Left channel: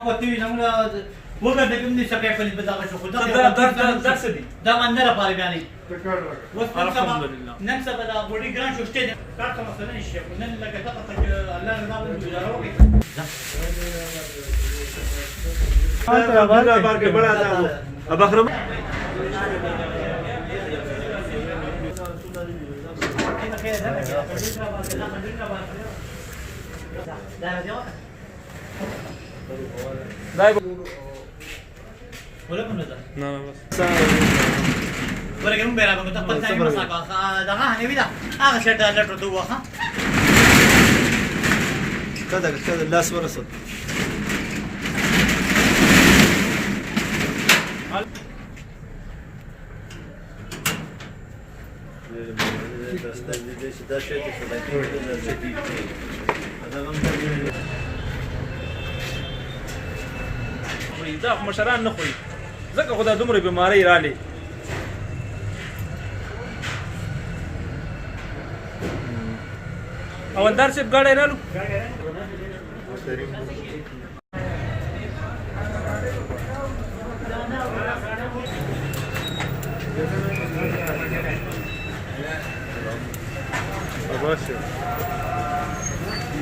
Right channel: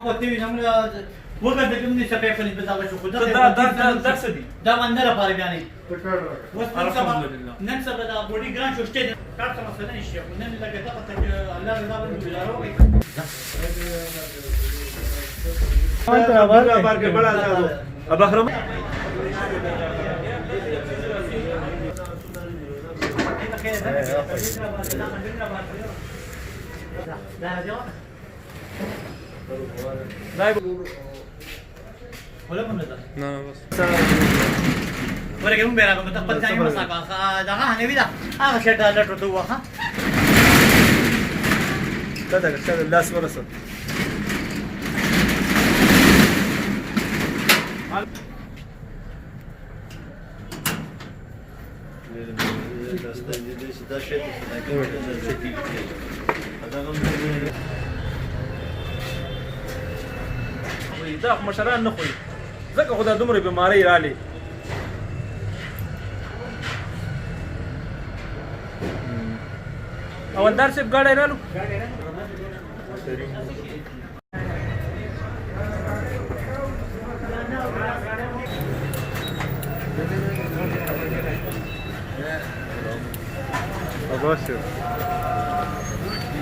وګورئ کوم دي سپېک په دې ځای شو خو درس دي دا باندې را پاره بیانې نن سبا دا بوډي ګران شو شته کار ته مثلا نشي نن لکه دا ته الله رضا وګورئ ابخرم ولا كنا ده لا بس ولا كم بيرا كم تقبل ثاني مساقة ده ها نبي ده شيء ده لا تدوه ها كذا الناس ورثوا دا مشران نه خوري ځکه خو دا دومره بیماری رالی او اندر صاحب ګاډی رالو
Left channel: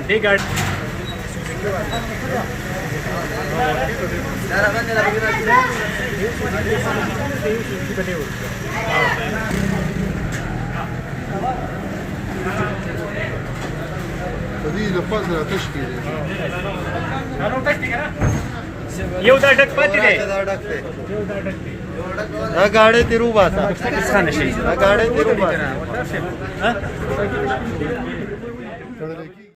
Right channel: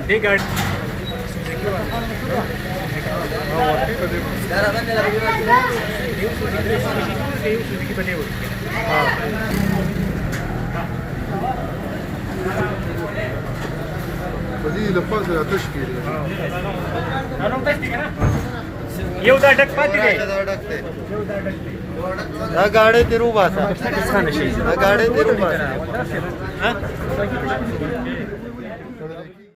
دې ګاډي هذه لفظة تشكيل یو دا ډک پاتې دی دا ګاډي تیرو باسه څنګه شي دا ګاډي تیرو باسه ها